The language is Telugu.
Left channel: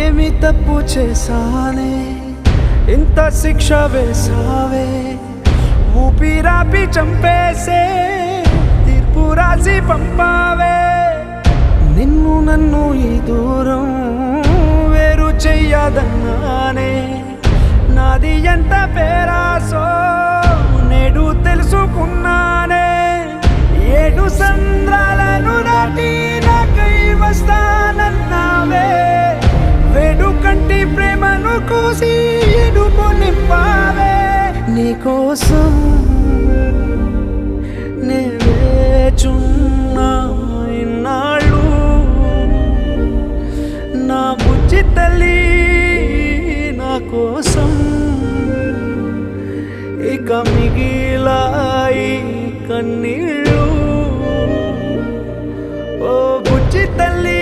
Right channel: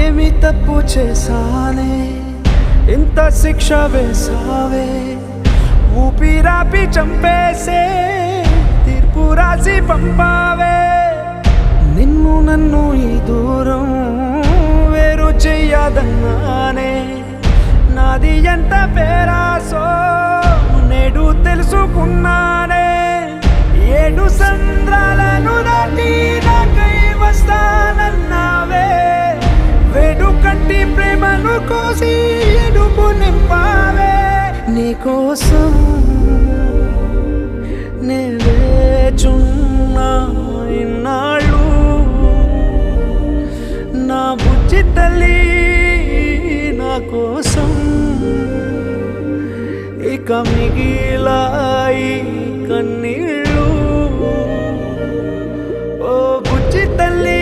ఏమి తప్పు చేశానే ఇంత శిక్ష వేసావే ఊపిరాపి చంపేసే తీర్పు రాసి పంపావే నిన్ను నన్ను ఈ దూరం వేరు చెయ్యదన్నానే నాది ఎంత పేరాసో నేడు తెలుసుకున్నానే 7 సంద్రాలను దాటి నాకై వస్తానన్నావే వేడు కంటి ప్రేమను కోసి ఎడుపు నింపావే నీకోసం నే వేచున్నా ఇన్నాళ్ళు నా బుజ్జి తల్లి నా కోసం ఇక మిగిలాయి కన్నీళ్ళు ఓ బుజ్జి తల్లి